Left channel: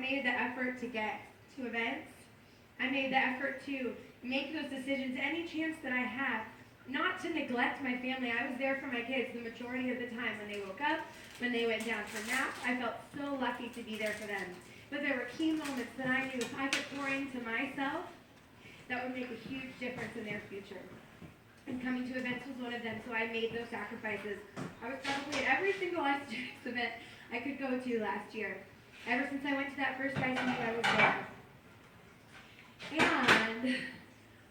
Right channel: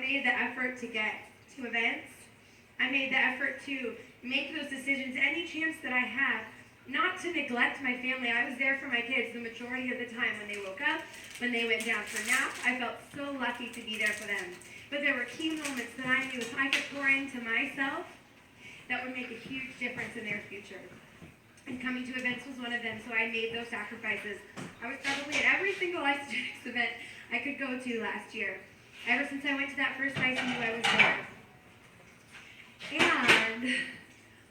made the effort to get to events. I made the effort to make those decisions any chance that I had, not to neglect my family. I was there for my kids the majority of the time when they woke up, when they went down for a nap. I felt so lucky to be there for them. But there were key moments that I knew if I could pour into myself, that would make a huge difference in their future. And coming to events was one of them, so I made those sacrifices. I was probably at every single ICETX event I could go to last year. Ever since I went to that first ICU, I was there. And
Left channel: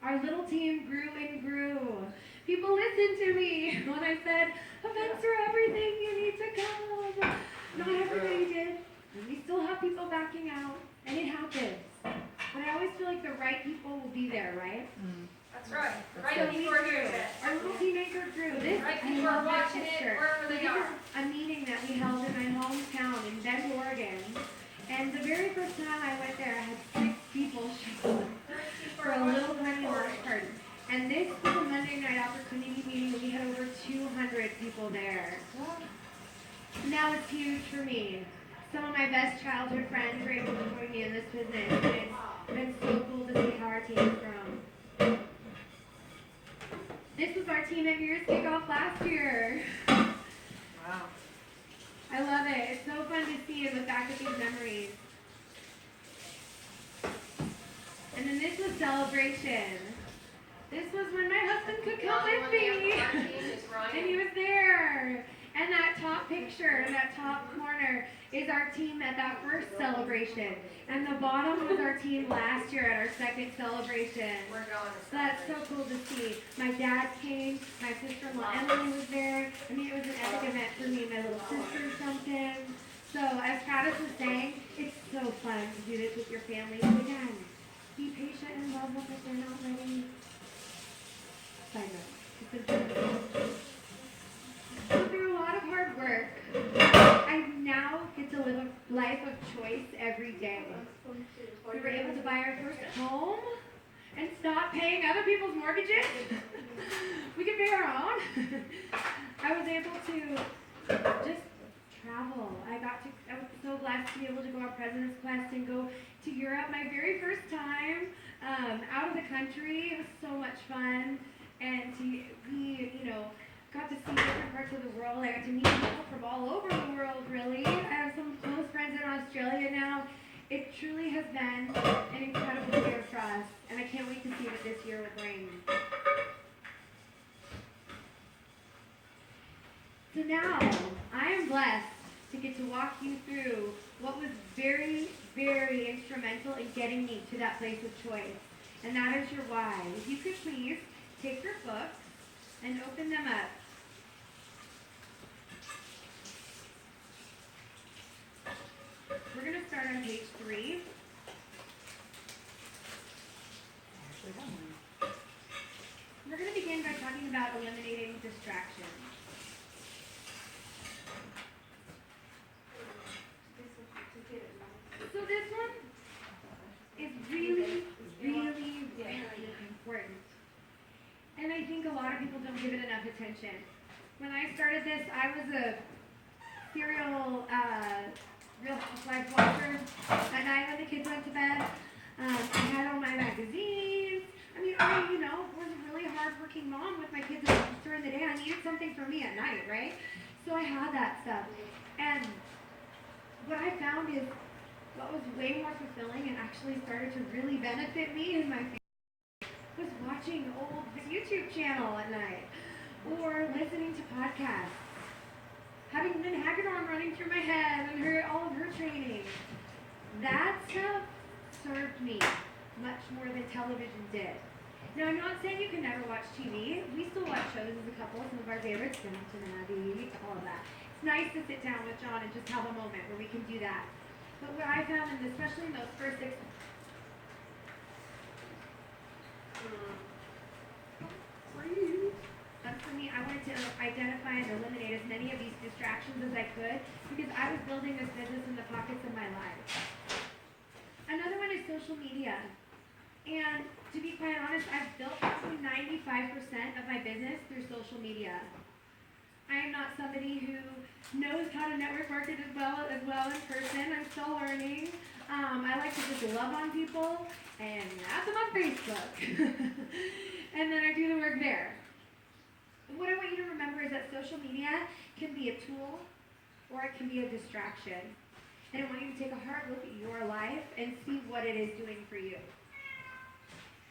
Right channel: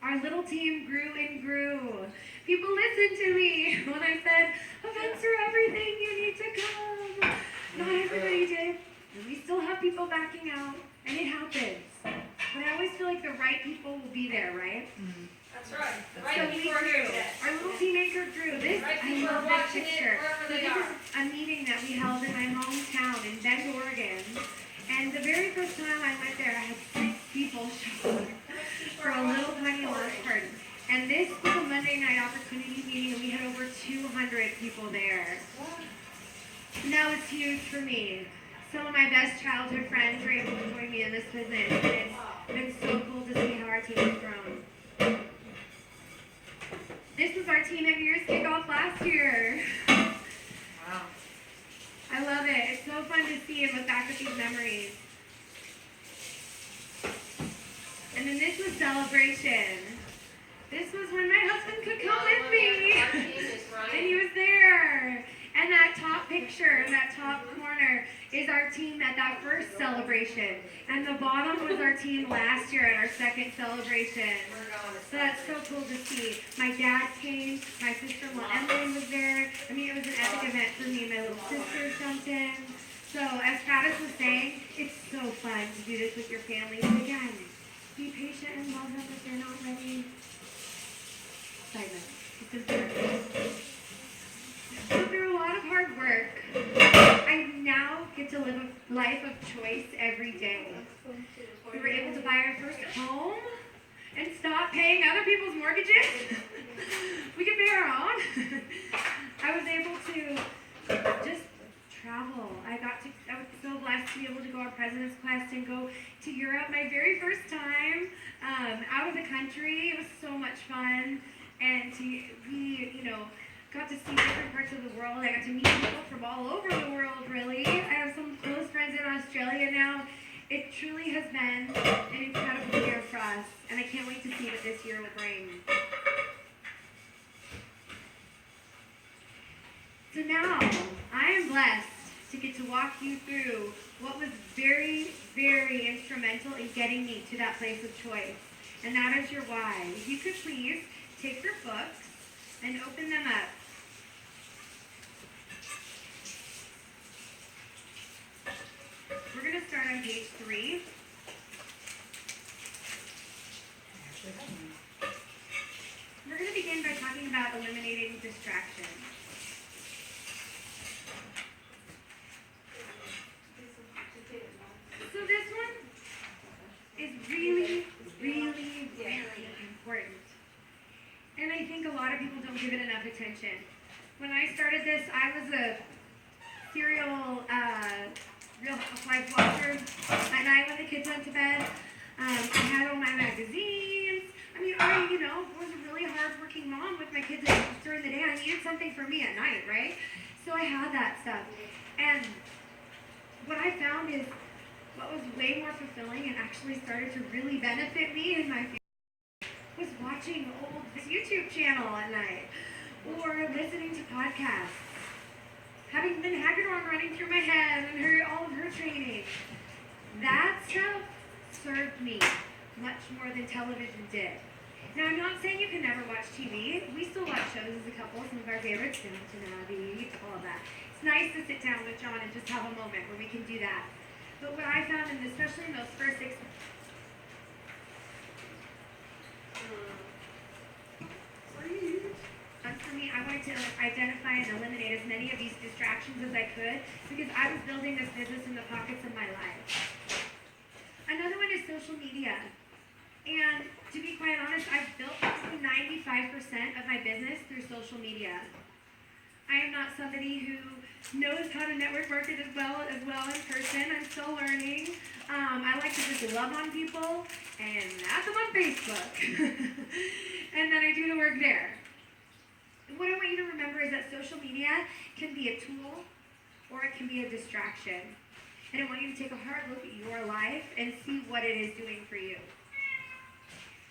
our little team grew and grew. People listened to me when I said, events are everything, you need to come. Not everybody did. And we still have people backing out, and it happens. But I always feel like the right people will be there, right? Mm-hmm. That's right. So we grew. Our little team anchor grew. This, I love this picture. So this is a meeting that we held in my hometown in Bend, Oregon. And the very first time I went there, I had 6 people show up for a little tiny launch party. And this was a Monday night opportunity meeting, and we had over 200 people there. And that was huge for me. Some of my best childhood friends were able to join me in this business, and it's been so cool to see how our team has grown. This was our team at New Year's kickoff last year. Wow. I love it. It's so fun to see and look back at these memories. And then this was celebration. This was when my husband could come with me. And he was there. And that top picture in that top corner is our team at that first celebration. And the bottom was our team last year at our second celebration. So that's so cool to see. My dad came, my sister-in-law Emily was there. I mean, it was an epic event for me. My little sister jumped in. So as Travis was saying, it's so fun to do this with your family. And again, be patient and love them if they're not ready. Side note, it's important. So through a lot of hard work, I now get to live a life of choice every day. We were able to buy our first home and stop paying other people's mortgages. We could pay our own. I was able to just travel. I was so blessed to be able to go our President's Quest and go to Europe. My very first time out of the country. It was so much fun. And we got to see different parts of the world. I got to meet people from all over the world, really. I have some close friends in Australia now. It truly has been an incredible year for us, and I can't wait to see what this year will bring. So now, I am blessed to get to walk you through what was very, very instrumental in getting me to that place of choice, and that is your why. If you could please take your books and open them up. We're going to start on page 3. We're going to begin by talking about eliminating distractions. So this one is really, really, really important. And I think a lot of people don't give it enough attention. When I started this, I was a serial Real Housewives watcher. At night when the kids went to bed, I had all my magazines. I mean, I, was a really hard-working mom with my kids during the day. I needed something for me at night, right? So I had that stuff. And what I found is what was way more fulfilling and actually started to really benefit me and my family was watching old YouTube channel at night or listening to podcasts. Having been Hagedorn running through my head and all of her training, that stuff served me much more than television did. Now, I'm not saying you can never watch TV. We still watch shows as a couple, some of our favorites, Downton Abbey, all of that. It's nice to sit down with John and just have a moment where we can do that. But what I found, and especially in those first 6 for me, I wanted to identify and eliminate as many of these distractions as I could because I was building this business in the pockets of my life. Another one is social media. And to be quite honest, I've built probably 95% of my business through social media. I am not somebody who knows how to network market as well in person. I'm still learning. I like to just love on people and add them on Facebook. And then I do the work there. And what I want you to remember is that social media can be a tool or it can be a distraction. And I want you to take a hard look at your life and see what it is doing for you.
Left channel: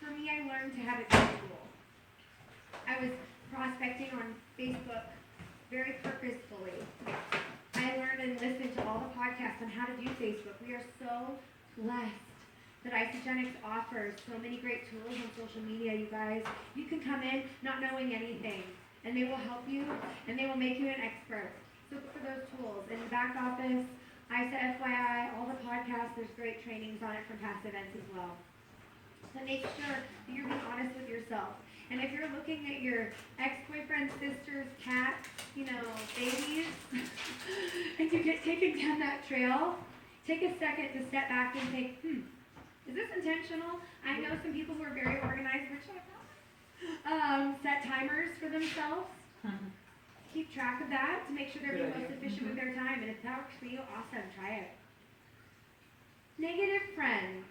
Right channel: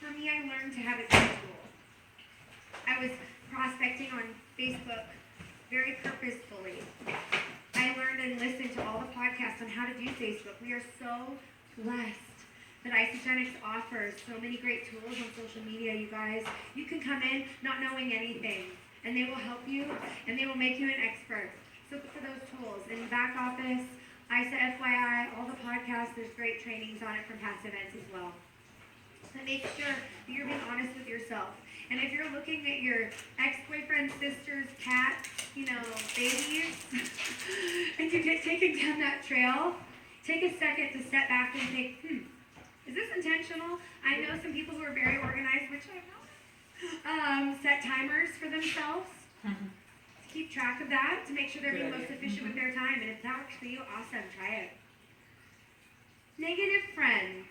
For me, I learned to have it be a tool. I was prospecting on Facebook very purposefully. I learned and listened to all the podcasts on how to do Facebook. We are so blessed that Isogenics offers so many great tools on social media, you guys. You can come in not knowing anything, and they will help you, and they will make you an expert. So look for those tools. In the back office, ISA FYI, all the podcasts, there's great trainings on it from past events as well. So make sure that you're being honest with yourself. And if you're looking at your ex-boyfriend's sister's cat, babies, and you get taken down that trail, take a second to step back and think, is this intentional? I know some people who are very organized, which I have, set timers for themselves to keep track of that, to make sure they're being most efficient with their time. And if that works for you, awesome, try it. Negative friends.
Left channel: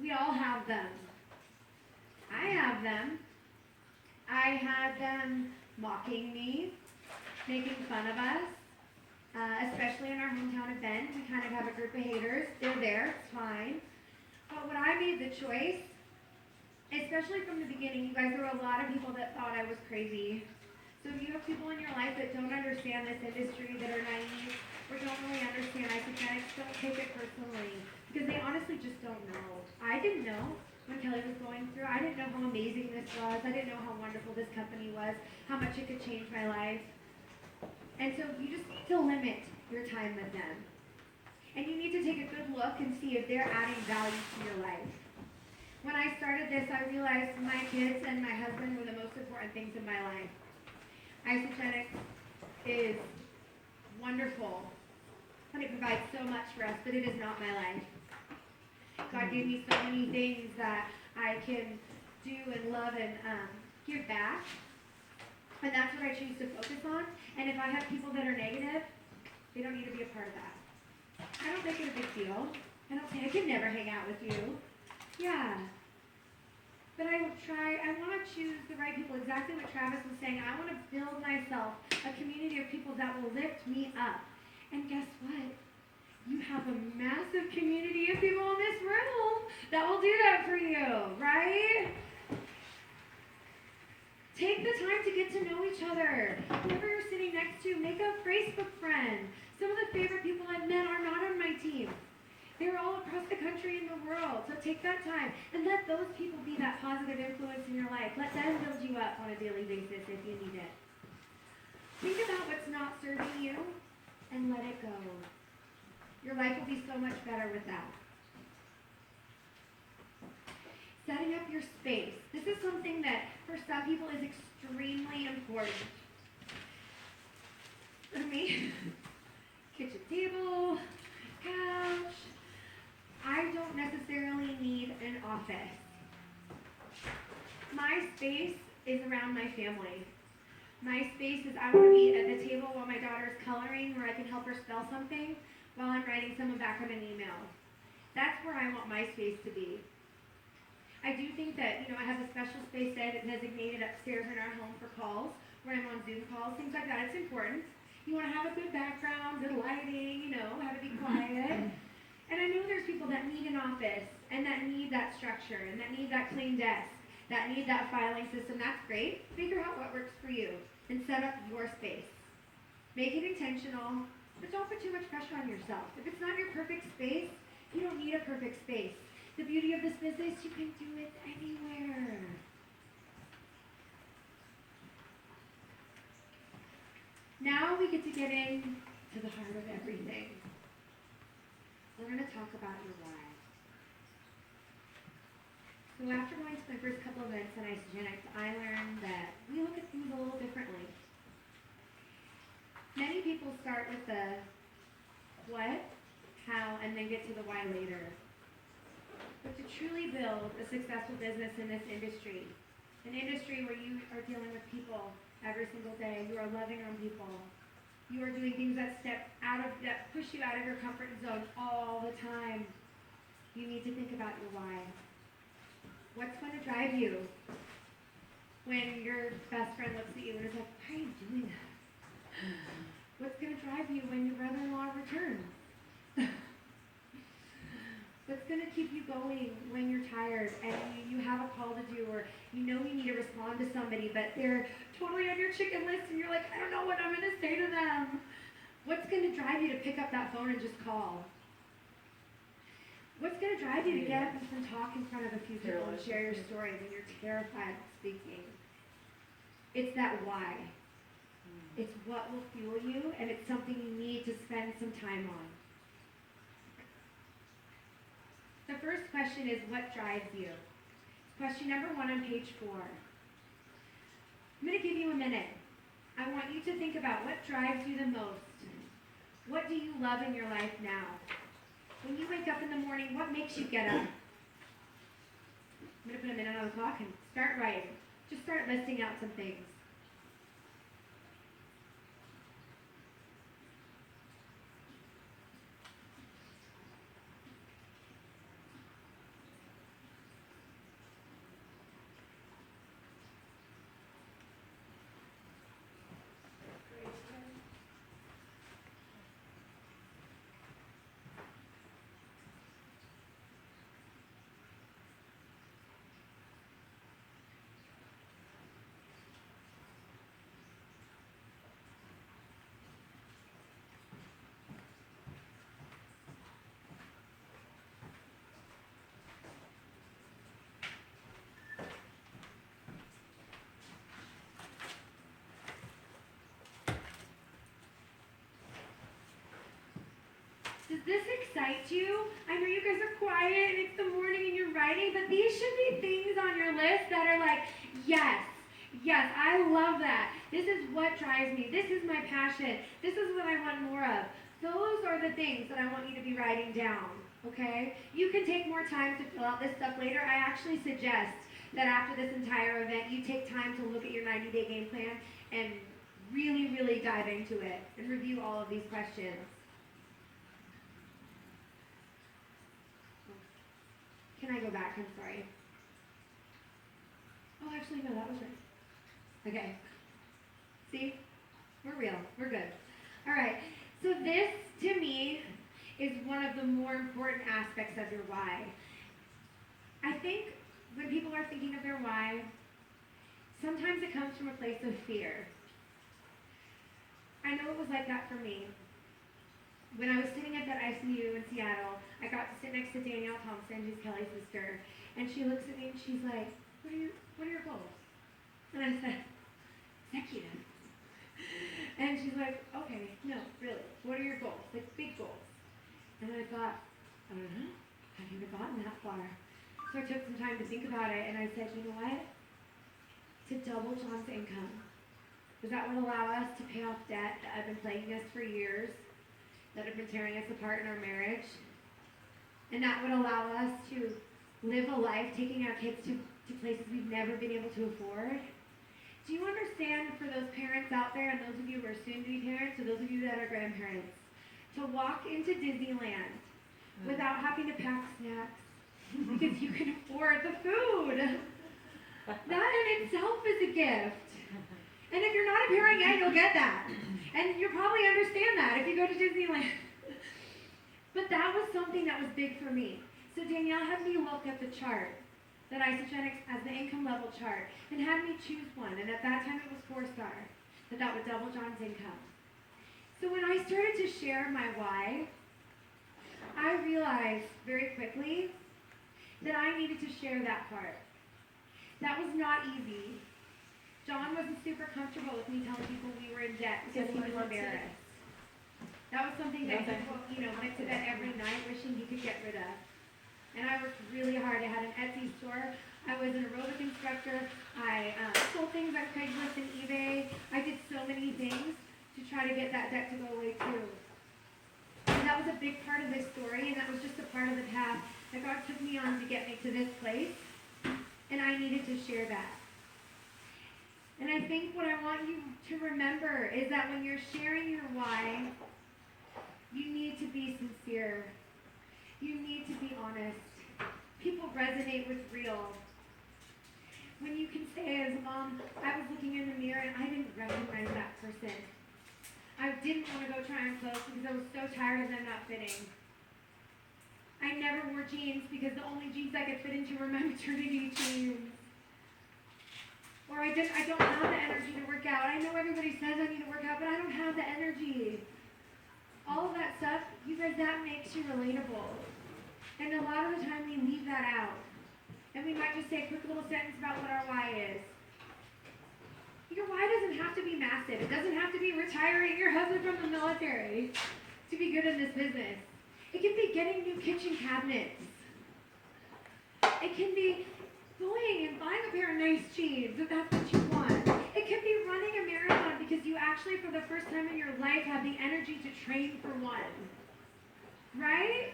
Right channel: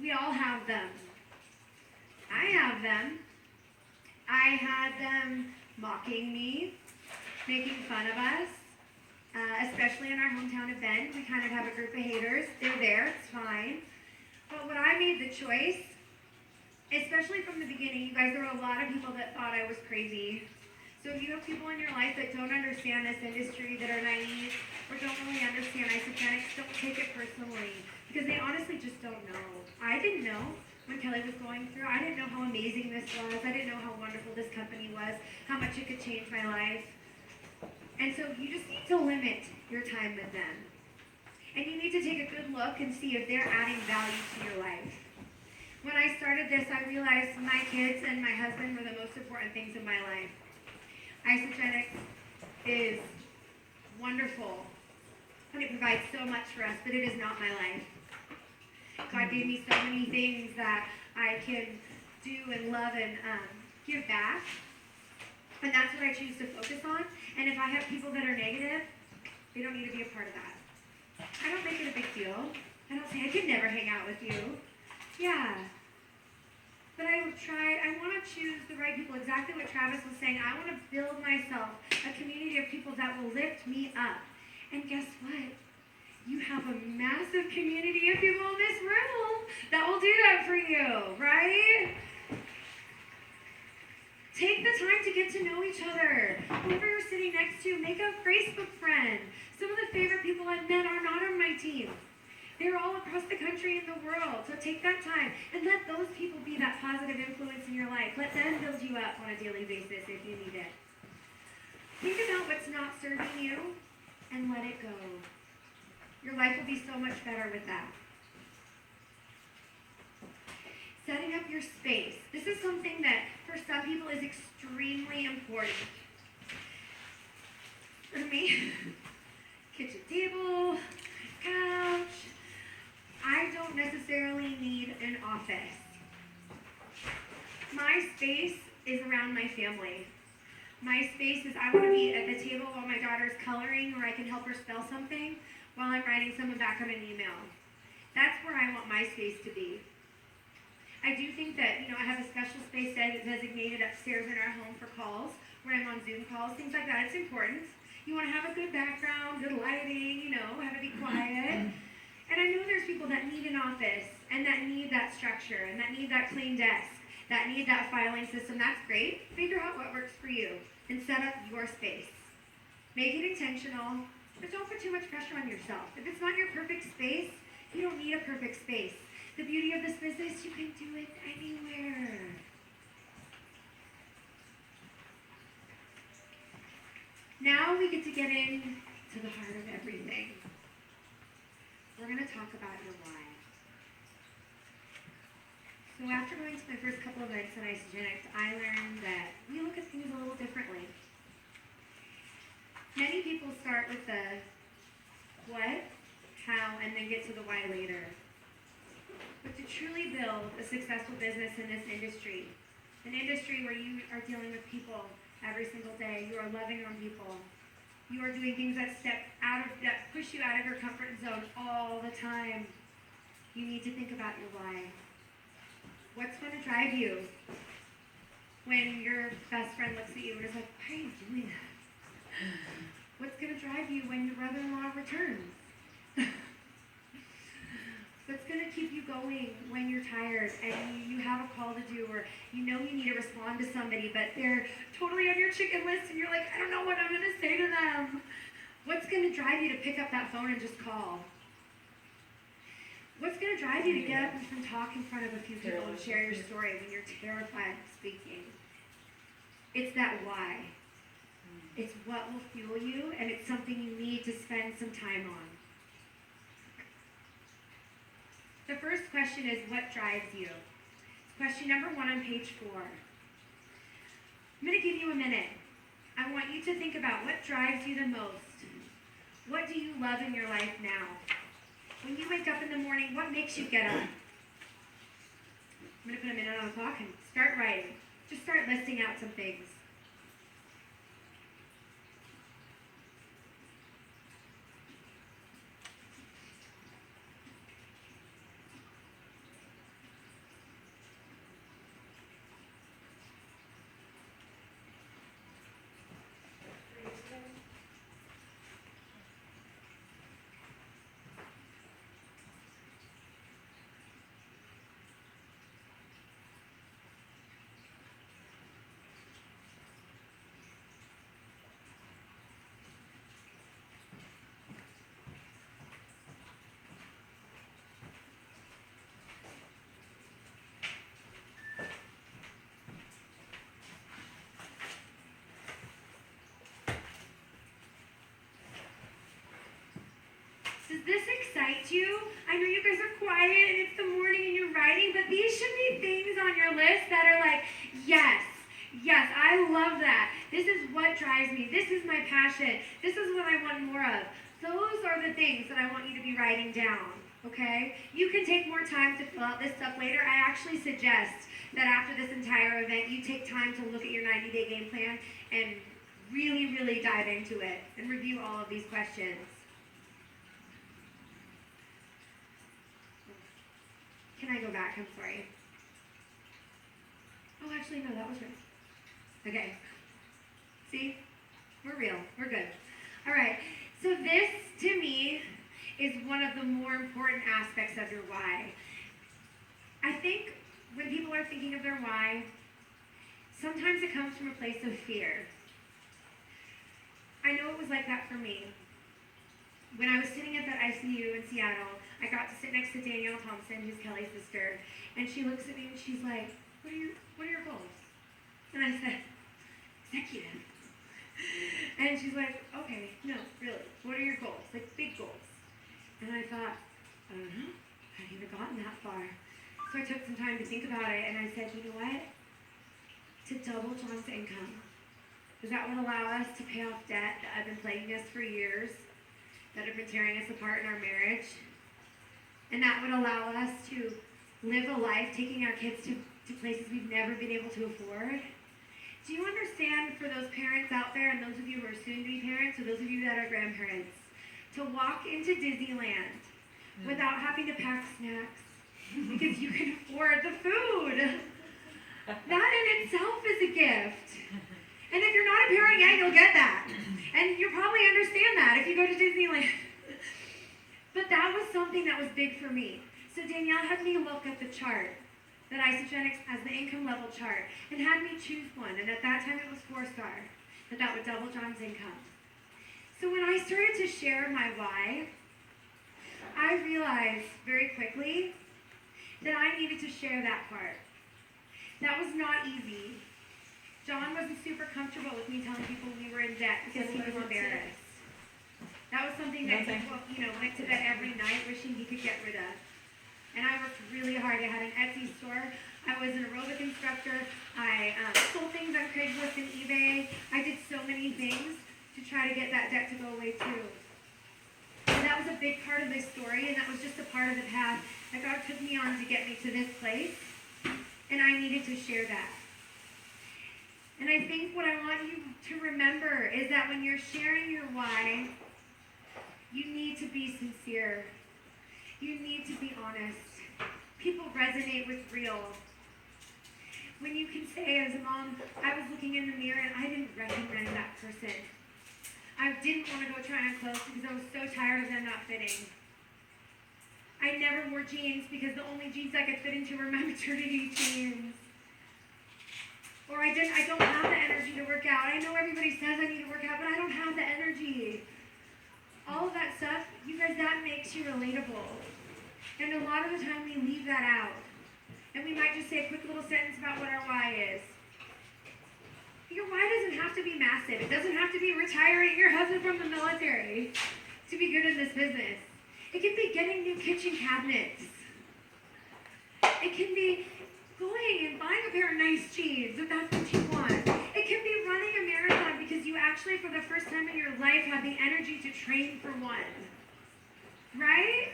We all have them. I have them. I had them mocking me, making fun of us, especially in our hometown event. We kind of have a group of haters. They're there, it's fine. But when I made the choice, especially from the beginning, you guys, there were a lot of people that thought I was crazy. So if you have people in your life that don't understand this industry, that are naive, or don't really understand isogenics, don't take it personally, because they honestly just don't know. I didn't know when Kelly was going through. I didn't know how amazing this was. I didn't know how wonderful this company was, how much it could change my life. And so you just need to limit your time with them. And you need to take a good look and see if they're adding value to your life. When I started this, I realized my kids and my husband were the most important things in my life. Isogenics is wonderful, and it provides so much for us, but it is not my life. God gave me so many things that I can do and love and give back, and that's what I choose to focus on. And if I have people that are negative, they don't need to be a part of that. I don't make it a big deal. I don't say, I could never hang out with you. Yeah. But I want to choose the right people. Exactly what Travis was saying. I want to build myself a community of people that will lift me up. And guess what? You have a massive community of people in this room that will do that for you, right? Take the time to get to know each other. Whoever you're sitting next to, make a Facebook friend. Some of the favorite people I've met are not on my team. They're all across the country and the world. So take that time and let those people be that positive influence in your life. Let them build you up on a daily basis if you need it. Think about what's not serving you and let it go. Your life will be so much better with that. Setting up your space. This is something that for some people is extremely important. For me, kitchen table, couch. I don't necessarily need an office. My space is around my family. My space is I want to be at the table while my daughter's coloring, or I can help her spell something while I'm writing someone back on an email. That's where I want my space to be. I do think that, I have a special space designated upstairs in our home for calls, where I'm on Zoom calls, things like that. It's important. You want to have a good background, good lighting, have it be quiet. And I know there's people that need an office, and that need that structure, and that need that clean desk, that need that filing system. That's great. Figure out what works for you, and set up your space. Make it intentional, but don't put too much pressure on yourself. If it's not your perfect space, you don't need a perfect space. The beauty of this business, you can do it anywhere. Now we get to get into the heart of everything. We're going to talk about your why. So after going to my first couple of events on Isogenics, I learned that we look at things a little differently. Many people start with the what, how, and then get to the why later. But to truly build a successful business in this industry, an industry where you are dealing with people every single day, you are loving on people, You are doing things that that push you out of your comfort zone all the time. You need to think about your why. What's going to drive you when your best friend looks at you and is like, why are you doing that? What's going to drive you when your brother-in-law returns? What's going to keep you going when you're tired and you have a call to do, or you know you need to respond to somebody, but they're totally on your chicken list and you're like, I don't know what I'm going to say to them. What's going to drive you to pick up that phone and just call? What's going to drive you to get up and talk in front of a few people and share your story when you're terrified of speaking? It's that why. It's what will fuel you, and it's something you need to spend some time on. The first question is, what drives you? It's question number 1 on page 4. I'm going to give you a minute. I want you to think about what drives you the most. What do you love in your life now? When you wake up in the morning, what makes you get up? I'm going to put a minute on the clock and start writing. Just start listing out some things. Does this excite you? I know you guys are quiet and it's the morning and you're writing, but these should be things on your list that are like, yes, I love that. This is what drives me. This is my passion. This is what I want more of. Those are the things that I want you to be writing down, okay? You can take more time to fill out this stuff later. I actually suggest that after this entire event, you take time to look at your 90-day game plan and really, really dive into it and review all of these questions. Can I go back? I'm sorry. Oh, actually, no, that was right. Okay. See? We're real. We're good. All right. So this, to me, is one of the more important aspects of your why. I think when people are thinking of their why, sometimes it comes from a place of fear. I know it was like that for me. When I was sitting at that ICU in Seattle, I got to sit next to Danielle Thompson, who's Kelly's sister, and she looks at me and she's like, what are your goals? And I said, executive. And she's like, okay, no, really, what are your goals? Like, big goals. And I thought, I don't know, I haven't even gotten that far. So I took some time to think about it, and I said, you know what? To double John's income. Because that would allow us to pay off debt that had been plaguing us for years, that had been tearing us apart in our marriage. And that would allow us to live a life taking our kids to places we've never been able to afford. Do you understand, for those parents out there, and those of you who are soon-to-be parents, or those of you that are grandparents, to walk into Disneyland without having to pack snacks because you can afford the food? That in itself is a gift. And if you're not a parent yet, you'll get that. And you'll probably understand that if you go to Disneyland. But that was something that was big for me. So Danielle had me look at the chart, that Isogenics as the income level chart, and had me choose one. And at that time it was 4-star, that would double John's income. So when I started to share my why, I realized very quickly that I needed to share that part. That was not easy. John wasn't super comfortable with me telling people we were in debt because he was embarrassed. That was something that he, went to bed every night wishing he could get rid of. And I worked really hard. I had an Etsy store. I was an aerobic instructor. I sold things on Craigslist and eBay. I did so many things to try to get that debt to go away too. And that was a big part of this story, and that was just a part of the path that God took me on to get me to this place. And I needed to share that. And I think what I want you to remember is that when you're sharing your why, you need to be sincere. You need to be honest. People resonate with real. When you can say, as a mom, I was looking in the mirror and I didn't recognize that person. I didn't want to go try on clothes because I was so tired of them not fitting. I never wore jeans because the only jeans I could fit into were my maternity jeans. Or I don't have the energy to work out. I know everybody says I need to work out, but I don't have the energy. All of that stuff, you guys, that makes you relatable. And a lot of the time we leave that out. And we might just say a quick little sentence about what our why is. Your why doesn't have to be massive. It doesn't have to be retiring your husband from the military to be good in this business. It can be getting new kitchen cabinets. It can be going and buying a pair of nice jeans if that's what you want. It can be running a marathon because you actually, for the first time in your life, have the energy to train for one. Right?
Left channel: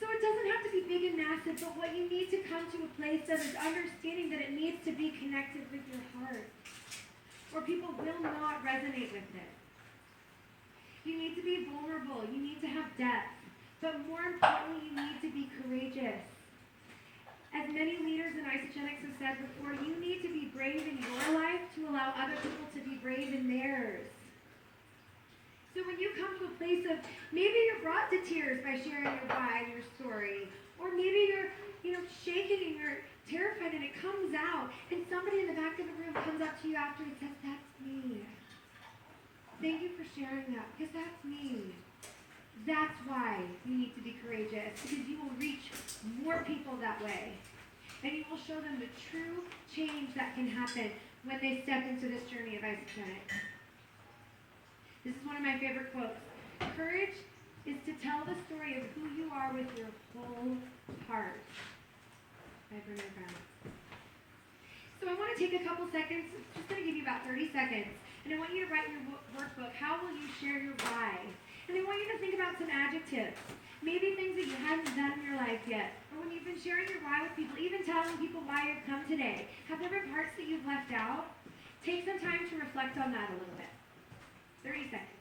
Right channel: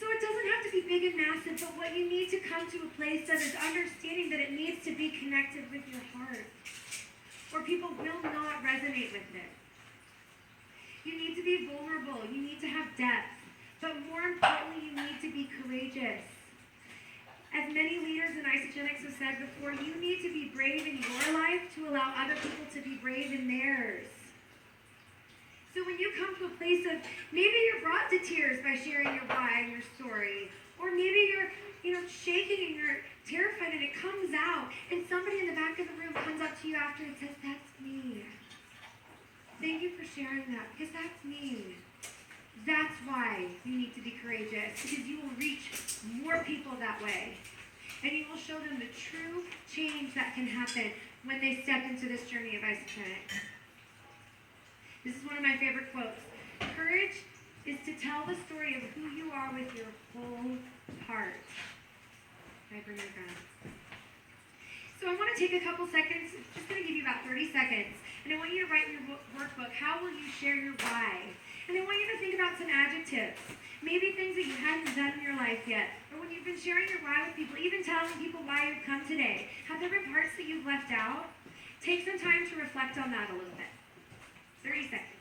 So it doesn't have to be big and massive, but what you need to come to a place that is understanding that it needs to be connected with your heart, or people will not resonate with it. You need to be vulnerable. You need to have depth. But more importantly, you need to be courageous. As many leaders in Isogenics have said before, you need to be brave in your life to allow other people to be brave in theirs. So when you come to a place of, maybe you're brought to tears by sharing your why and your story, or maybe you're shaking and you're terrified and it comes out, and somebody in the back of the room comes up to you after and says, that's me. Thank you for sharing that, because that's me. That's why you need to be courageous, because you will reach more people that way. And you will show them the true change that can happen when they step into this journey of isogenics. This is one of my favorite quotes. Courage is to tell the story of who you are with your whole heart. By Brené Brown. So I want to take a couple seconds, just going to give you about 30 seconds, and I want you to write in your workbook, how will you share your why? And I want you to think about some adjectives, maybe things that you hadn't done in your life yet, or when you've been sharing your why with people, even telling people why you've come today. Have there been parts that you've left out? Take some time to reflect on that a little bit. 30 seconds.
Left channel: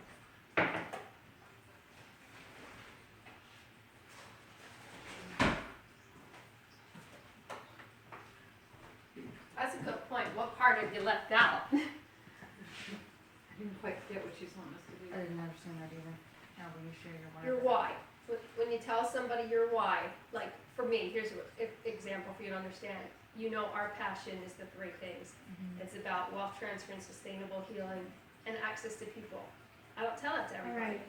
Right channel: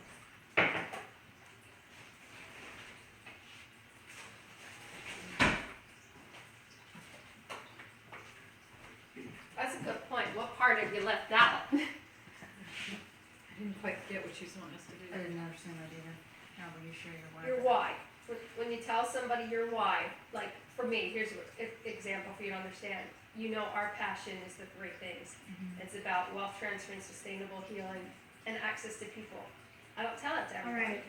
That's a good point. What part have you left out? I didn't quite get what she's wanting us to do. I didn't understand that either. How will you share your why? Your why. When you tell somebody your why, like for me, here's an example for you to understand. You know our passion is the three things. Mm-hmm. It's about wealth transfer and sustainable healing and access to people. I don't tell that to everybody. All right.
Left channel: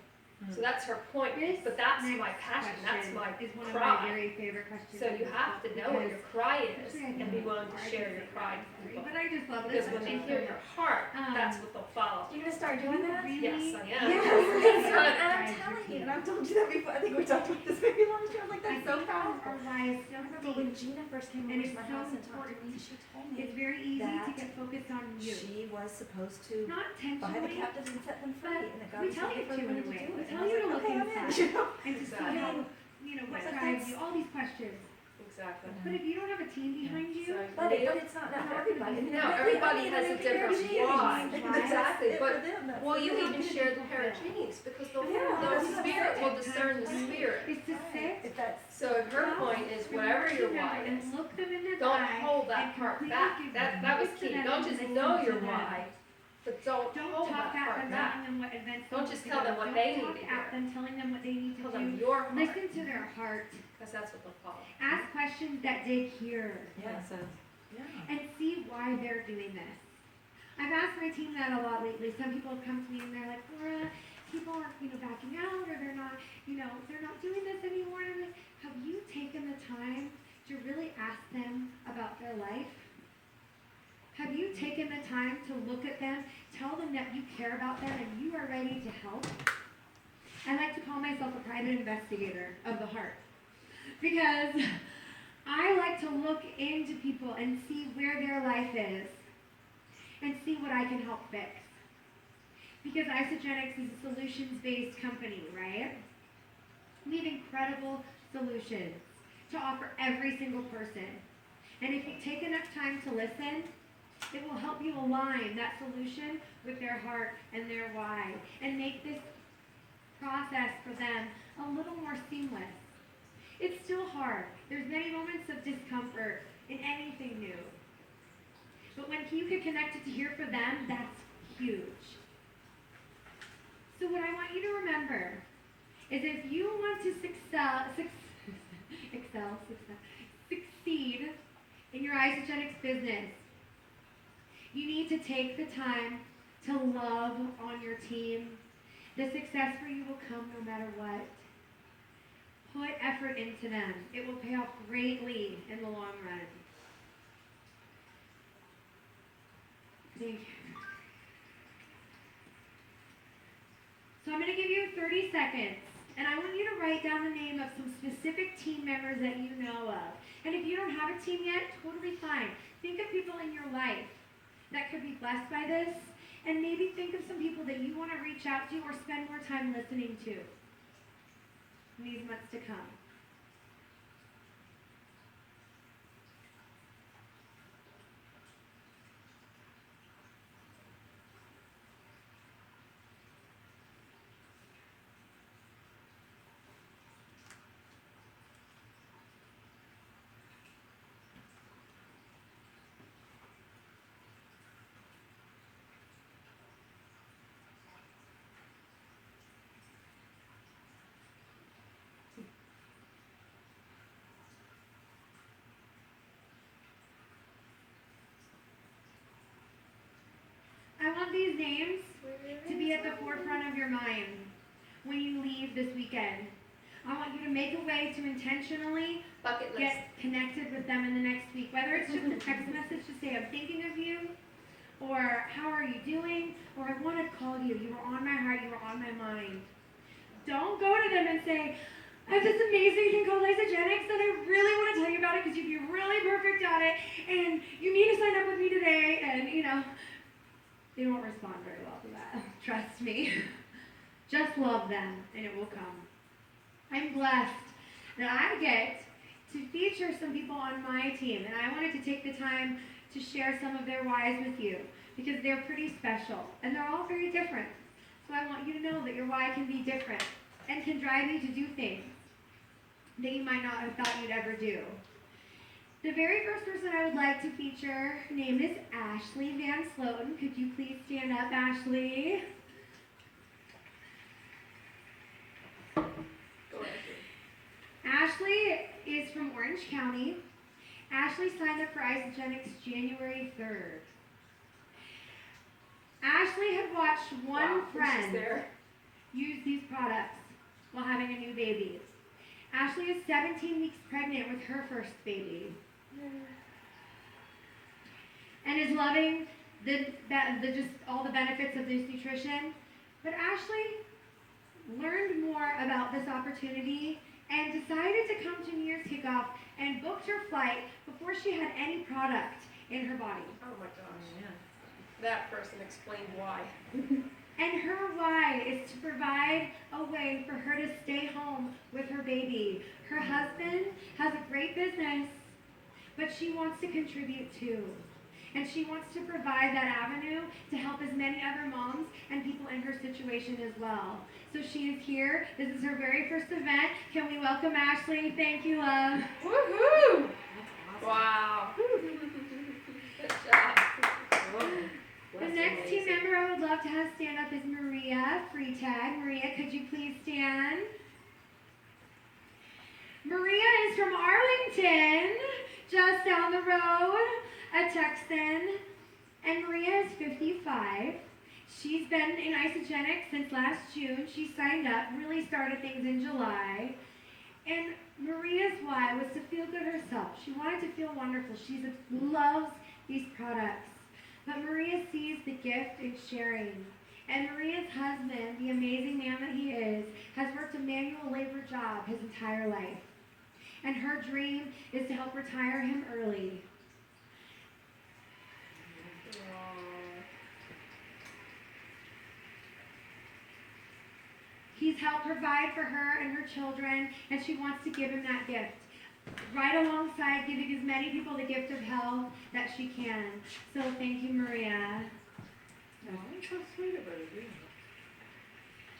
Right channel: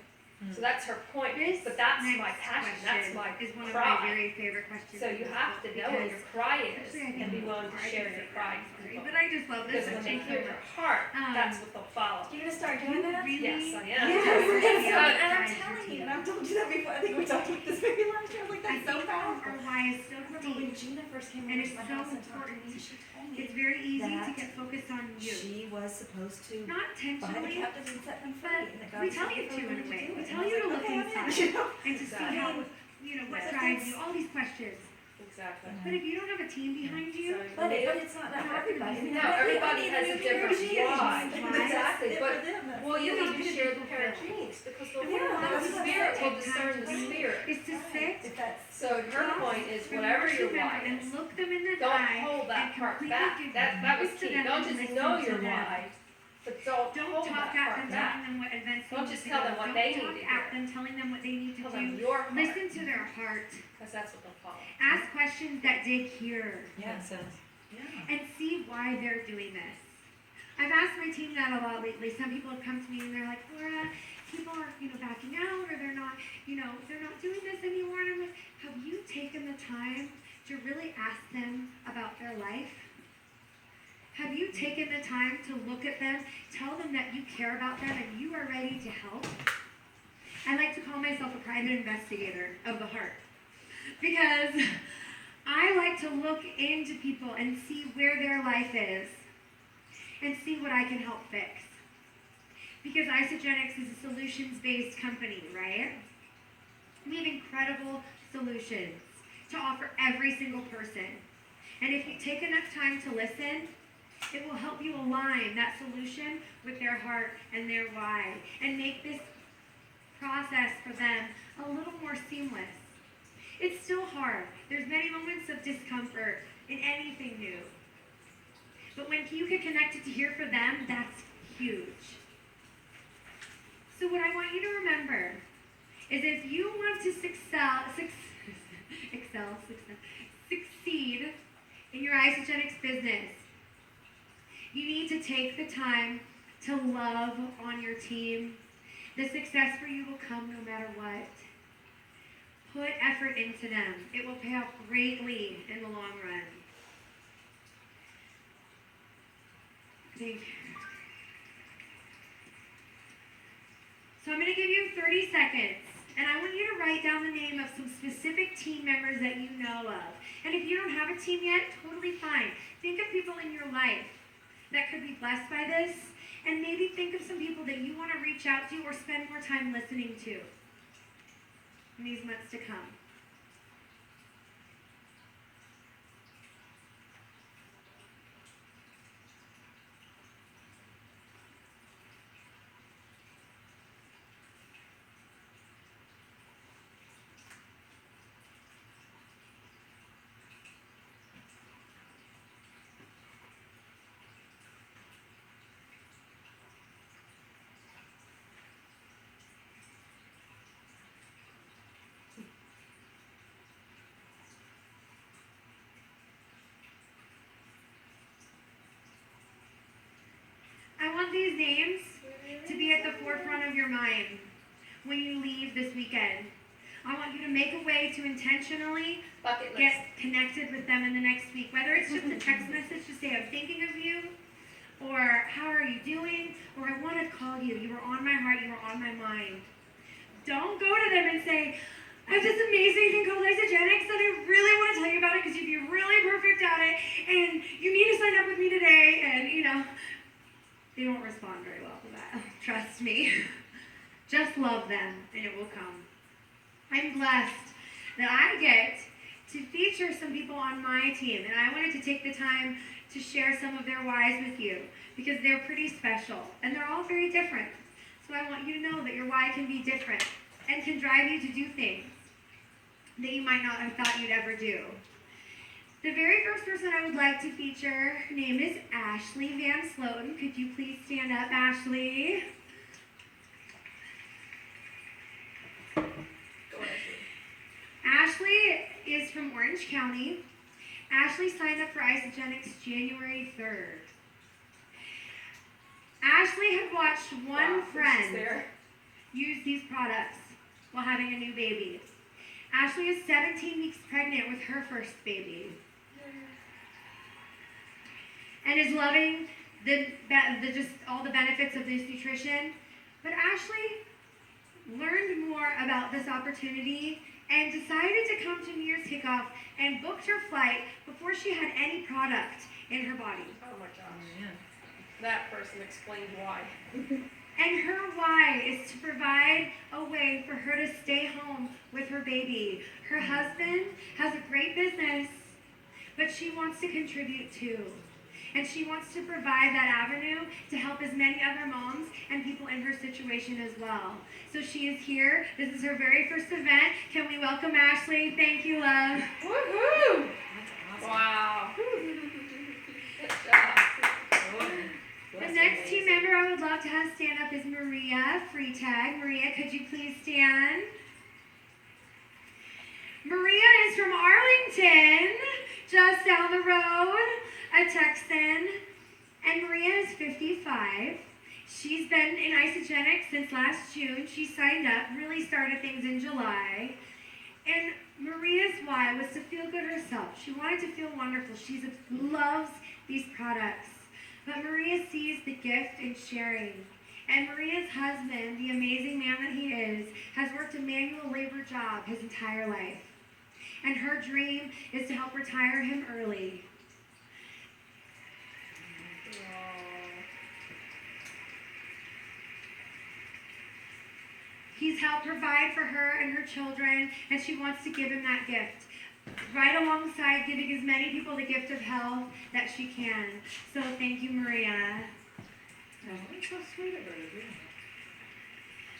So that's her point. This But that's next my passion. That's my is one of cry. my very favorite questions. So you have to know what your cry is Actually, I and be think willing to I share can your say cry that, to people. but I just love this Because when they section hear so your much. heart, that's what they'll follow. You gonna start You doing that? really, Yes, I am. Yes, Yeah. and I'm telling you, and I've told you that before. I think we talked about this maybe last year. I was like, I that's so think powerful. our why is so But when deep. Gina first came And over it's to my so house and talked to important. me, she told me It's very easy to that get focused on you. she was supposed to Not buy the intentionally, captives and set them free, and that God we was tell looking you for to in women a way. do We it. tell And I you to was look like, okay, I'm inside. in, you know? and to see Exactly. how, what But drives that's- you, all these questions. Exactly. But if you don't have a team behind you, But it's not for everybody. No, everybody has a different why. Why? Exactly, It's but for them, that's well, you it. even share the pair of jeans because the Yeah, the that's spirit what will I'm discern the saying. spirit. is to sit If that's So her point is whatever your why and is, look them in the don't eye hold and that part completely back. give That was voice to key. them Don't and just listen know to your them. why, but don't Don't hold talk that at part them, back. telling them what events Don't they just need tell to them go. what Don't they need talk to at do. them, telling them what they need to Tell them do. your heart, Listen to their heart. because that's what they'll follow. Ask questions that dig here. yeah. And see why they're doing this. I've asked my team that a lot lately. Some people have come to me and they're like, Laura, people are, backing out, or they're not doing this anymore. And I'm like, have you taken the time to really ask them about their life? Have you taken the time to look at them, tell them that you care about them and you are ready to help? I like to call myself a private investigator of the heart, because I like to look into people and see where their life is and see what I can help fix. Because Isogenics is a solutions-based company, right? We have incredible solutions to offer every single person. And if you take enough time to listen It will help you align that solution with their heart and their why and make this process for them a little more seamless. It's still hard. There's many moments of discomfort in anything new. But when you can connect it to here for them, that's huge. So what I want you to remember is if you want to succeed in your isogenics business, you need to take the time to love on your team. The success for you will come no matter what. Put effort into them. It will pay off greatly in the long run. Thank you. So I'm going to give you 30 seconds, and I want you to write down the name of some specific team members that you know of. And if you don't have a team yet, totally fine. Think of people in your life that could be blessed by this, and maybe think of some people that you want to reach out to or spend more time listening to in these months to come. I want these names to be at the forefront of your mind when you leave this weekend. I want you to make a way to intentionally get connected with them in the next week, whether it's just a text message to say, I'm thinking of you, or how are you doing, or I want to call you. You were on my heart, you were on my mind. Don't go to them and say, I have this amazing thing called isogenics, and I really want to tell you about it because you'd be really perfect at it, and you need to sign up with me today, and they won't respond very well to that. Trust me. Just love them, and it will come. I'm blessed that I get to feature some people on my team, and I wanted to take the time to share some of their whys with you because they're pretty special, and they're all very different. So I want you to know that your why can be different and can drive you to do things that you might not have thought you'd ever do. The very first person I would like to feature, her name is Ashley Van Sloten. Could you please stand up, Ashley? Go Ashley. Ashley is from Orange County. Ashley signed up for Isogenics January 3rd. Ashley had watched one friend use these products while having a new baby. Ashley is 17 weeks pregnant with her first baby. And is loving just all the benefits of this nutrition. But Ashley learned more about this opportunity and decided to come to New Year's kickoff and booked her flight before she had any product in her body. Oh my gosh. Man. That person explained why. And her why is to provide a way for her to stay home with her baby. Her husband has a great business, but she wants to contribute too. And she wants to provide that avenue to help as many other moms and people in her situation as well. So she is here. This is her very first event. Can we welcome Ashley? Thank you, love. Woohoo! That's awesome. Wow. Good job. The next team member I would love to have stand up is Maria Fri Jan. Maria, could you please stand? Maria is from Arlington, just down the road, a Texan. And Maria is 55. She's been in Isogenics since last June. She signed up, really started things in July. And Maria's why was to feel good herself. She wanted to feel wonderful. She loves these products. But Maria sees the gift in sharing. And Maria's husband, the amazing man that he is, has worked a manual labor job his entire life. And her dream is to help retire him early. He's helped provide for her and her children, and she wants to give him that gift. right alongside giving as many people the gift of health that she can. So thank you, Maria.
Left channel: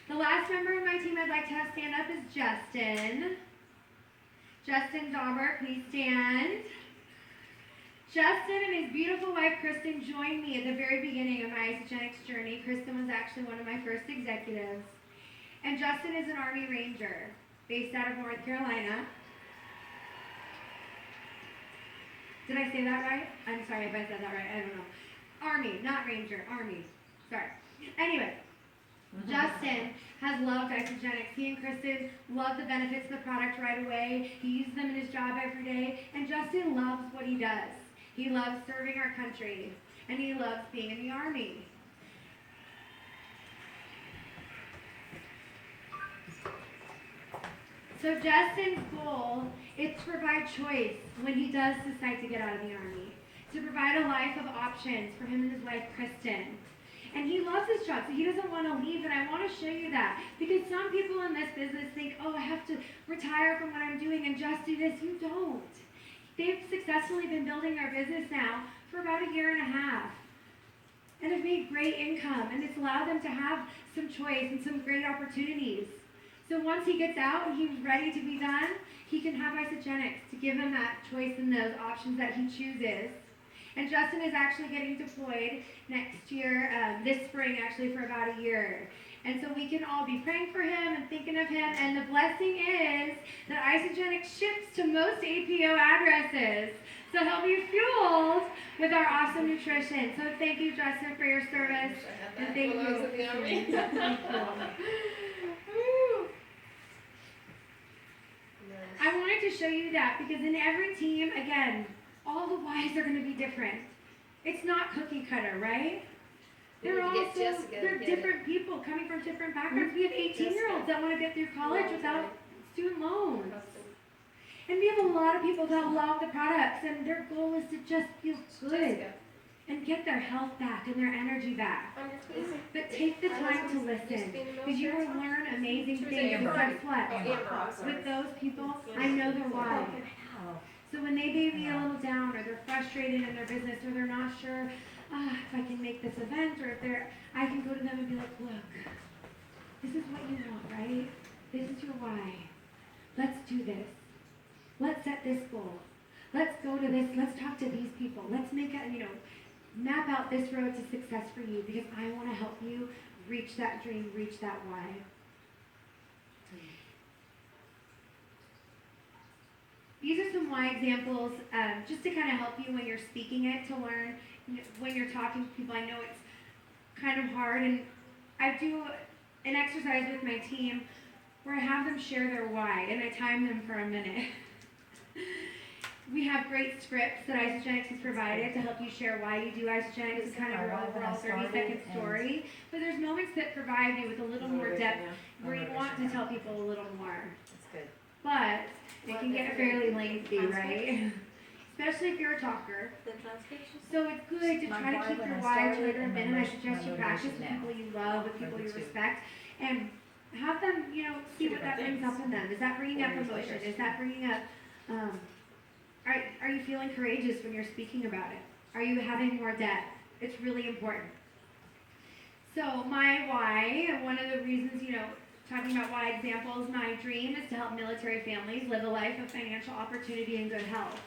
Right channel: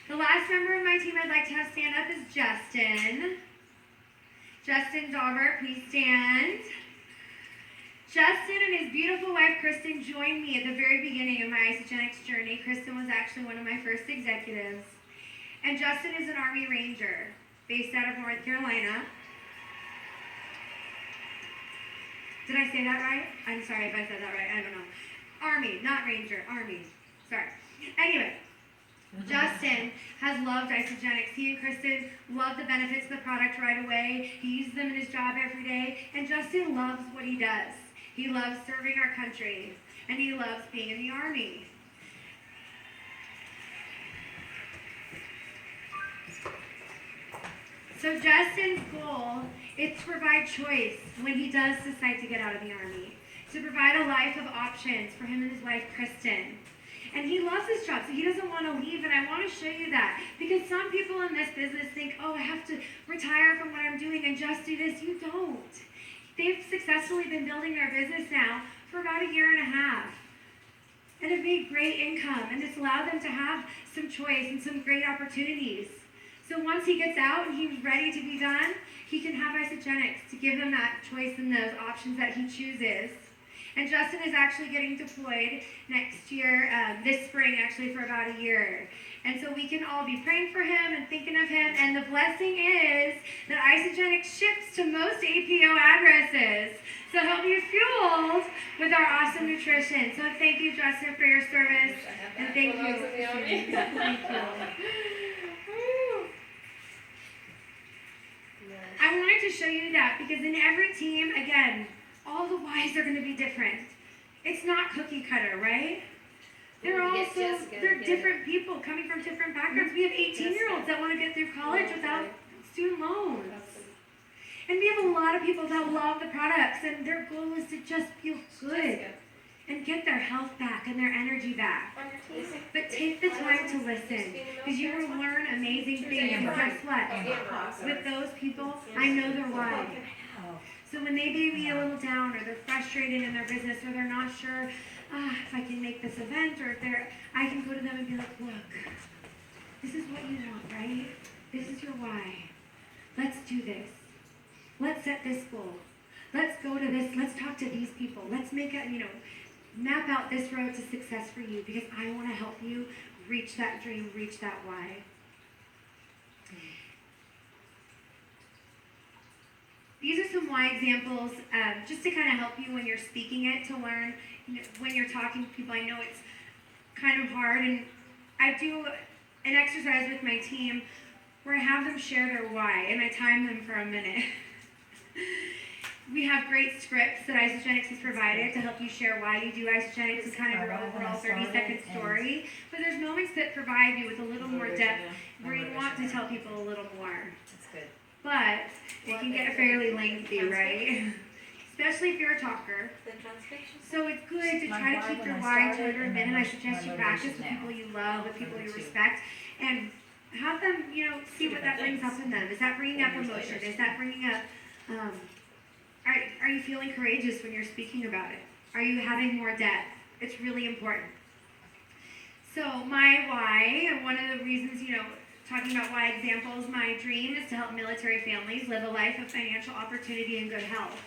The last member of my team I'd like to have stand up is Justin. Justin Daubert, please stand. Justin and his beautiful wife, Kristen, joined me at the very beginning of my isogenics journey. Kristen was actually one of my first executives. And Justin is an Army Ranger based out of North Carolina. Did I say that right? I'm sorry if I said that right. I don't know. Army, not Ranger. Army. Sorry. Anyway, Justin has loved isogenics. He and Kristen love the benefits of the product right away. He uses them in his job every day. And Justin loves what he does. He loves serving our country. And he loves being in the Army. So Justin's goal is to provide choice when he does decide to get out of the Army, to provide a life of options for him and his wife, Kristen. And he loves his job, so he doesn't want to leave, and I want to show you that. Because some people in this business think, oh, I have to retire from what I'm doing and just do this. You don't. They've successfully been building their business now for about a year and a half. And have made great income, and it's allowed them to have some choice and some great opportunities. So once he gets out and he's ready to be done, he can have isogenics to give him that choice and those options that he chooses. And Justin is actually getting deployed next year, this spring actually, for about a year. And so we can all be praying for him and thinking of him. And the blessing is that isogenics ships to most APO addresses. So he'll be fueled with our awesome nutrition. So thank you, Justin, for your service. And thank you. Thank you. I wanted to show you that because in every team, again, all the whys are going to be different. It's not cookie cutter, right? They're different people coming from different backgrounds. We have 18-year-olds that want to get through college without student loans. And we have a lot of people that love the products and their goal is to just feel good and get their health back and their energy back. But take the time to listen because you will learn amazing things. And guess what? With those people, I know their why. So when they may be a little down or they're frustrated in their business or they're not sure if I can make this event or if I can go to them and be like, look, this is what you want, right? This is your why. Let's do this. Let's set this goal. Let's go to this. Let's talk to these people. Let's make a, map out this road to success for you because I want to help you reach that dream, reach that why. These are some why examples just to kind of help you when you're speaking it, to learn when you're talking to people. I know it's kind of hard, and I do an exercise with my team where I have them share their why, and I time them for a minute. We have great scripts that Isogenics has provided to help you share why you do Isogenics and kind of your overall 30-second story. But there's moments that provide you with a little more depth where you want to tell people a little more. That's good. But it can get fairly lengthy, right? Especially if you're a talker. So it's good to try to keep your why to under a minute. I suggest you practice with people you love, with people you respect, and have them, see what that brings up in them. Is that bringing up emotion? Is that bringing up, are you feeling courageous when you're speaking about it? Are you having more depth? It's really important. So my why, one of the reasons, talking about why examples, my dream is to help military families live a life of financial opportunity and good health.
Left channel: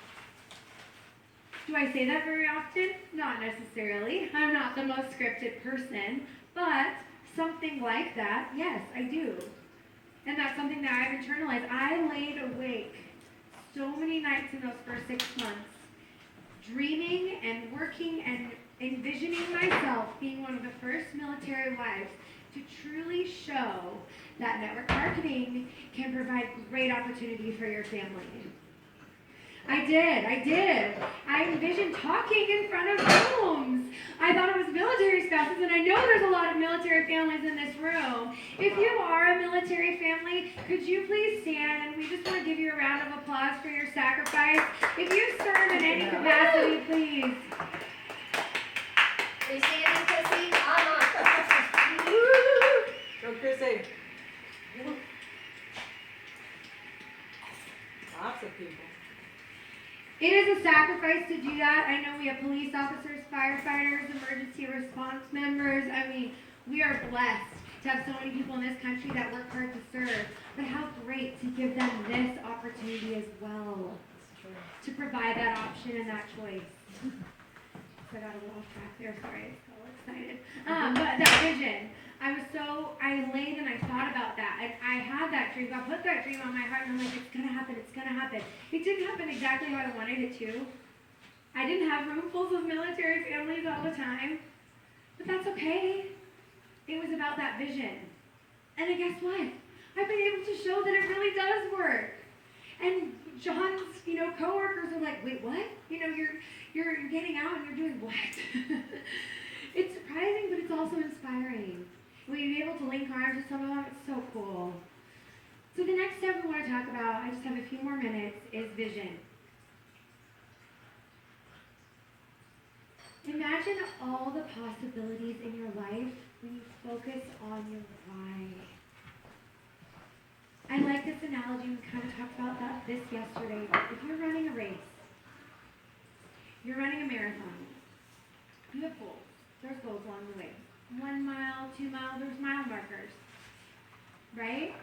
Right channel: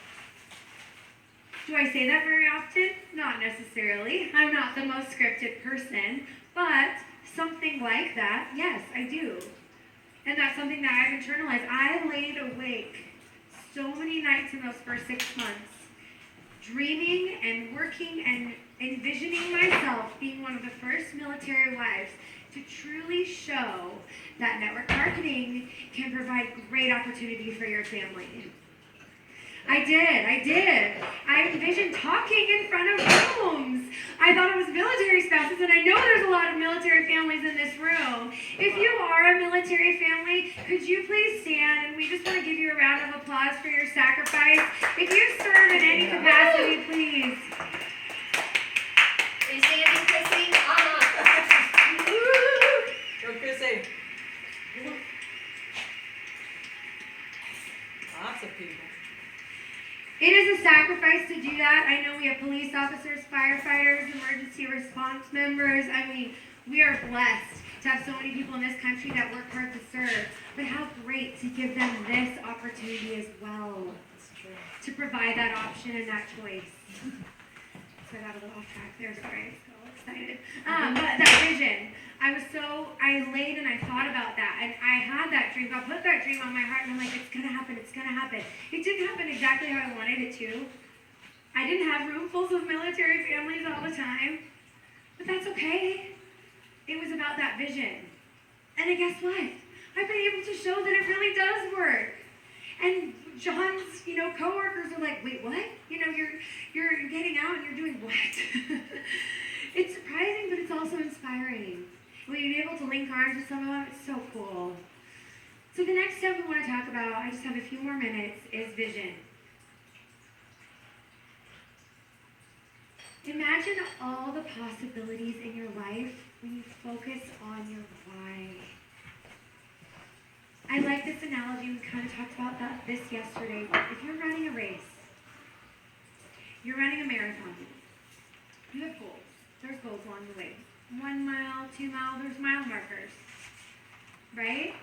Do I say that very often? Not necessarily. I'm not the most scripted person, but something like that, yes, I do. And that's something that I've internalized. I laid awake so many nights in those first 6 months, dreaming and working and envisioning myself being one of the first military wives to truly show that network marketing can provide great opportunity for your family. I did. I envisioned talking in front of rooms. I thought it was military spouses, and I know there's a lot of military families in this room. If you are a military family, could you please stand? And we just want to give you a round of applause for your sacrifice. If you serve in any capacity, please. Are you standing, Chrissy? Go, Chrissy. Lots of people. It is a sacrifice to do that. I know we have police officers, firefighters, emergency response members. I mean, we are blessed to have so many people in this country that work hard to serve. But how great to give them this opportunity as well. That's true. To provide that option and that choice. So I got a little off track there, sorry, I was so excited. But that vision, I laid and I thought about that, and I had that dream. God put that dream on my heart, and I'm like, it's gonna happen, it's gonna happen. It didn't happen exactly how I wanted it to. I didn't have roomfuls of military families all the time, but that's okay. It was about that vision. And then guess what? I've been able to show that it really does work. And John's, coworkers are like, wait, what? You're getting out and you're doing what? It's surprising, but it's also inspiring. When you're able to link arms with some of them, it's so cool. So the next step we want to talk about, I just have a few more minutes, is vision. Imagine all the possibilities in your life when you focus on your why. I like this analogy. We kind of talked about this yesterday. If you're running a race, you're running a marathon, you have goals. There's goals along the way. 1 mile, 2 mile, there's mile markers, right?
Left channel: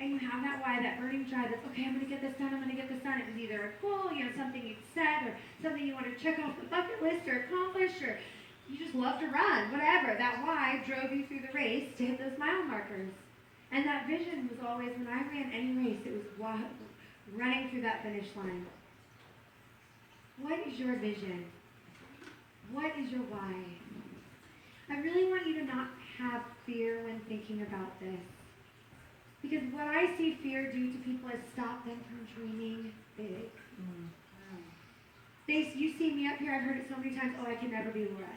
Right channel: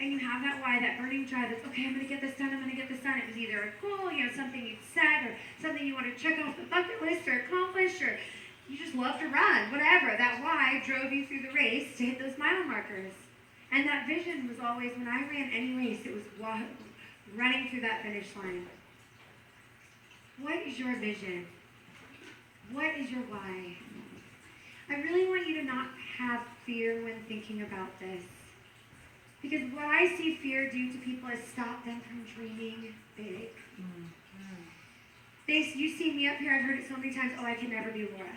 And you have that why, that burning drive that's, okay, I'm going to get this done, I'm going to get this done. It was either a goal, something you've set, or something you want to check off the bucket list or accomplish, or you just love to run, whatever. That why drove you through the race to hit those mile markers. And that vision was always, when I ran any race, it was running through that finish line. What is your vision? What is your why? I really want you to not have fear when thinking about this. Because what I see fear do to people is stop them from dreaming big. You see me up here, I've heard it so many times, oh, I can never be Laura.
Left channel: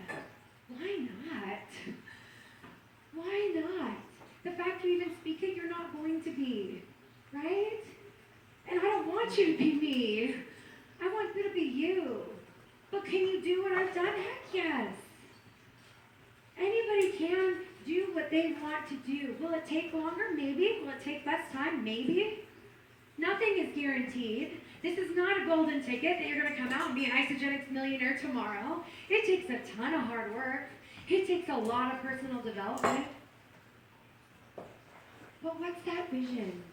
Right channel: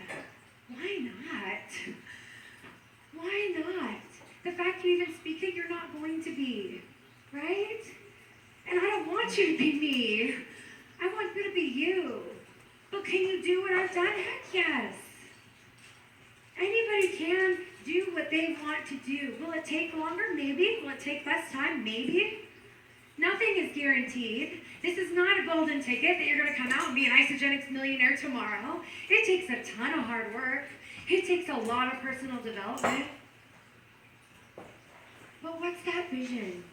Why not? Why not? The fact you even speak it, you're not going to be, right? And I don't want you to be me. I want you to be you. But can you do what I've done? Heck yes. Anybody can do what they want to do. Will it take longer? Maybe. Will it take less time? Maybe. Nothing is guaranteed. This is not a golden ticket that you're going to come out and be an isogenics millionaire tomorrow. It takes a ton of hard work. It takes a lot of personal development. But what's that vision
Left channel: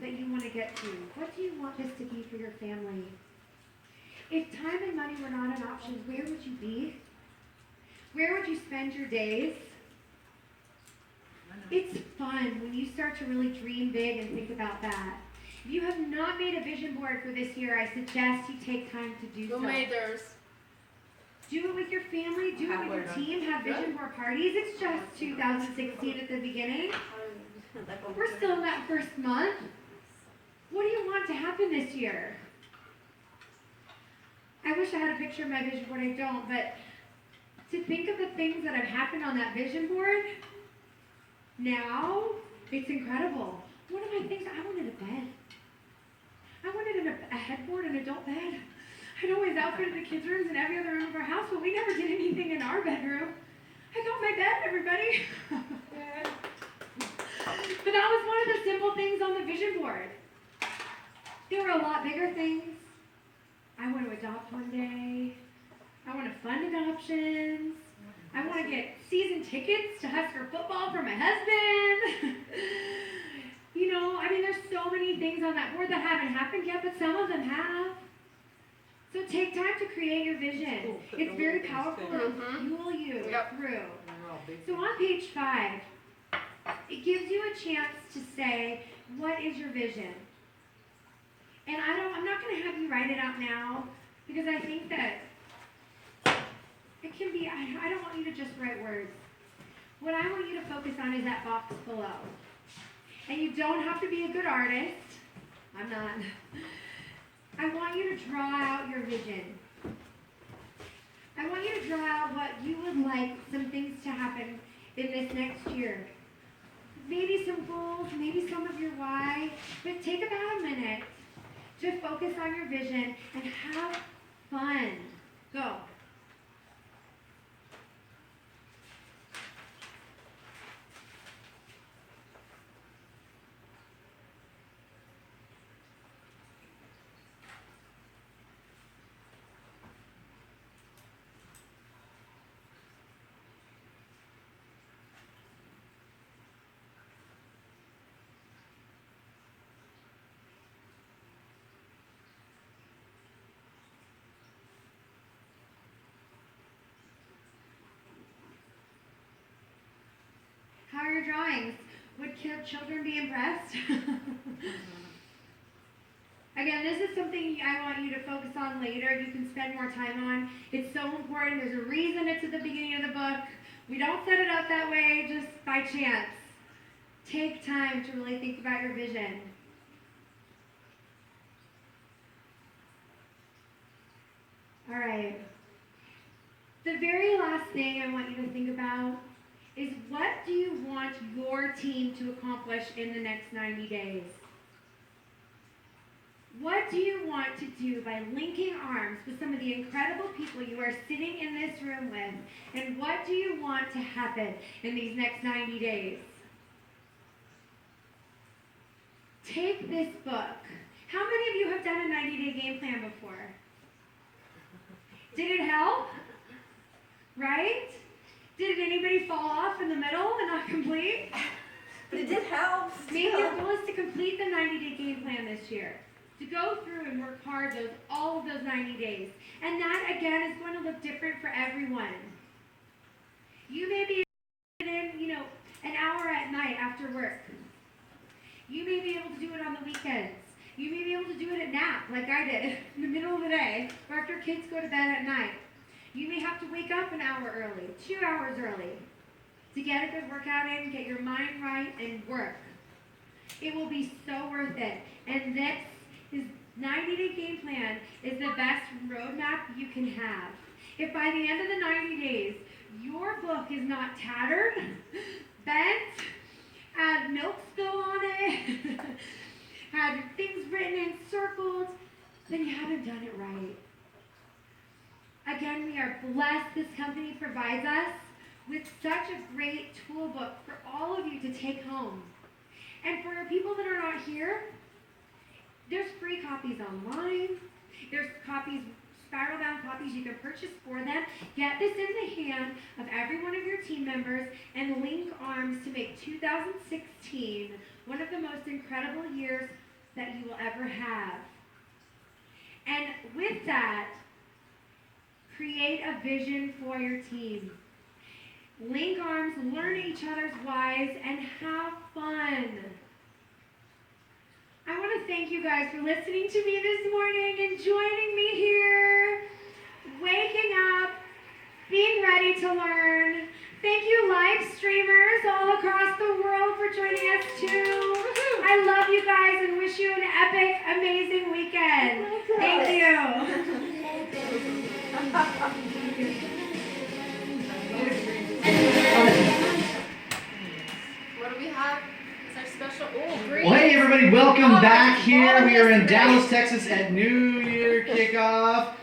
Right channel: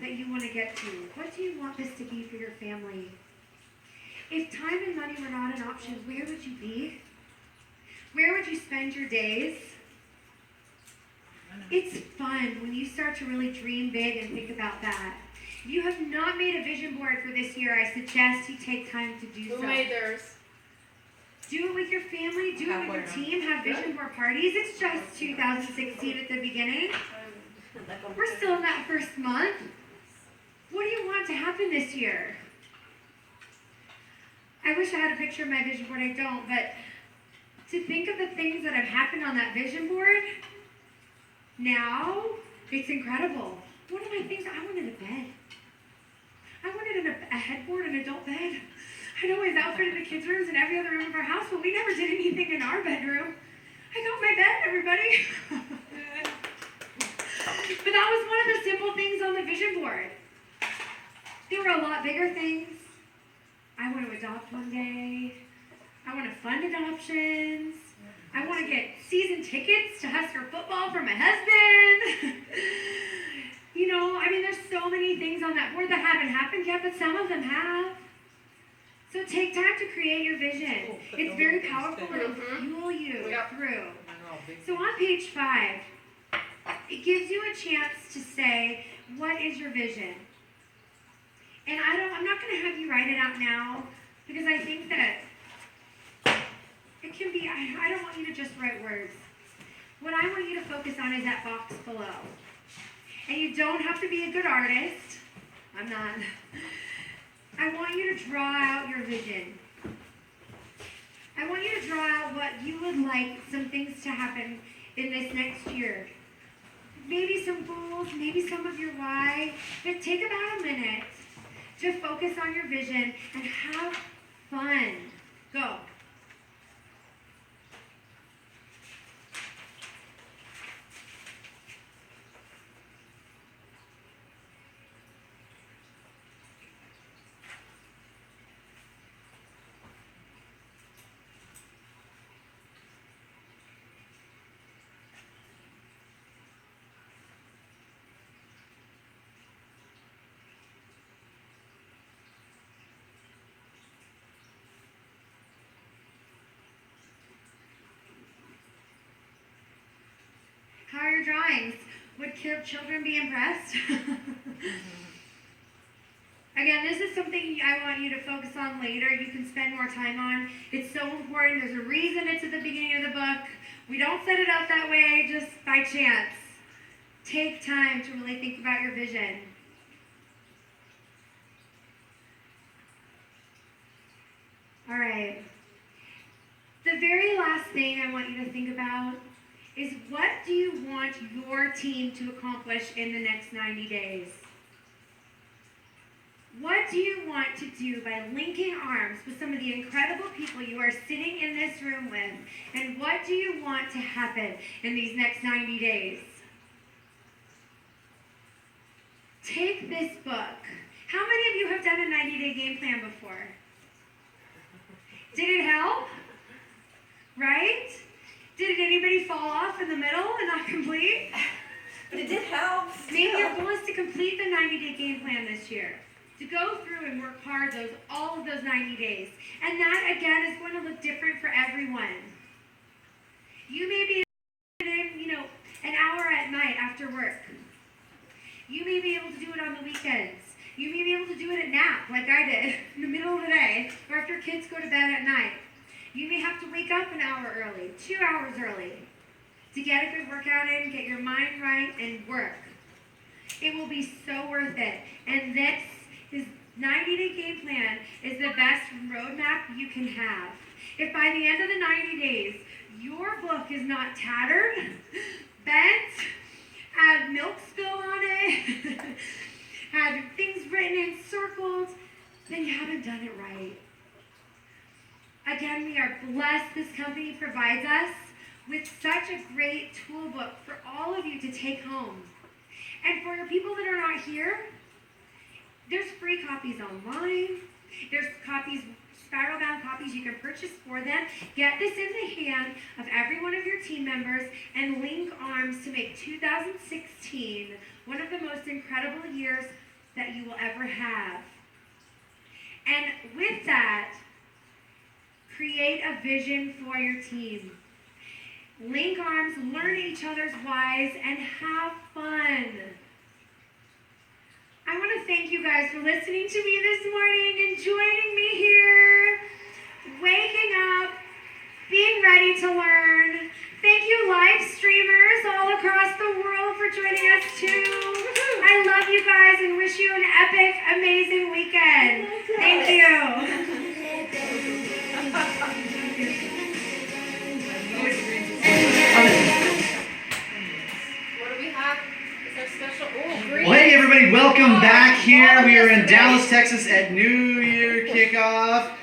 that you want to get to? What do you want this to be for your family? If time and money were not an option, where would you be? Where would you spend your days? It's fun when you start to really dream big and think about that. If you have not made a vision board for this year, I suggest you take time to do so. Who made theirs? Do it with your family, do it with your team, have vision board parties. It's just 2016 at the beginning. We're still in that first month. What do you want to happen this year? I wish I had a picture of my vision board. I don't, but to think of the things that have happened on that vision board, now, it's incredible. One of my things, I wanted a bed. I wanted a headboard, an adult bed. I'd always outfitted the kids' rooms in every other room of our house, but we never did anything in our bedroom. I got my bed, everybody. But that was one of the simple things on the vision board. There were a lot bigger things. I want to adopt one day. I want to fund adoptions. I want to get season tickets to Husker football for my husband. There's so many things on that board that haven't happened yet, but some of them have. So take time to create your vision. It's very powerful and it'll fuel you through. So on page 5, it gives you a chance to say, what is your vision? And I'm not going to have you write it out now, because I think that it can be, I don't want you to just write words. What I want you to focus on is that box below. And you don't have to be a good artist. I'm not. I want you to draw out your vision. I want you to draw out what you would like some things to happen in this next year. Maybe some goals, maybe some of your why. But take about a minute to focus on your vision and have fun. Go. drawings. Would children be impressed? Again, this is something I want you to focus on later. You can spend more time on. It's so important. There's a reason it's at the beginning of the book. We don't set it up that way just by chance. Take time to really think about your vision. All right. The very last thing I want you to think about is, what do you want your team to accomplish in the next 90 days? What do you want to do by linking arms with some of the incredible people you are sitting in this room with? And what do you want to happen in these next 90 days? Take this book. How many of you have done a 90-day game plan before? Did it help? Right? Did anybody fall off in the middle and not complete? But it did help. Maybe your goal is to complete the 90-day game plan this year. To go through and work hard all of those 90 days. And that, again, is going to look different for everyone. You may be in, an hour at night after work. You may be able to do it on the weekends. You may be able to do it at nap, like I did, in the middle of the day, or after kids go to bed at night. You may have to wake up an hour early, 2 hours early, to get a good workout in, get your mind right, and work. It will be so worth it. And this 90-day game plan is the best roadmap you can have. If by the end of the 90 days, your book is not tattered, bent, had milk spill on it, had things written in circles, then you haven't done it right. Again, we are blessed. This company provides us with such a great tool book for all of you to take home. And for people that are not here, there's free copies online. There's spiral bound copies you can purchase for them. Get this in the hand of every one of your team members and link arms to make 2016 one of the most incredible years that you will ever have. And with that, create a vision for your team. Link arms, learn each other's whys, and have fun. I want to thank you guys for listening to me this morning and joining me here, waking up, being ready to learn. Thank you, live streamers all across the world, for joining us too. I love you guys and wish you an epic, amazing weekend. Thank you. What do we have? Is our special? Oh, great. Well, hey everybody, welcome back here. We are in Dallas, Texas at New Year kickoff.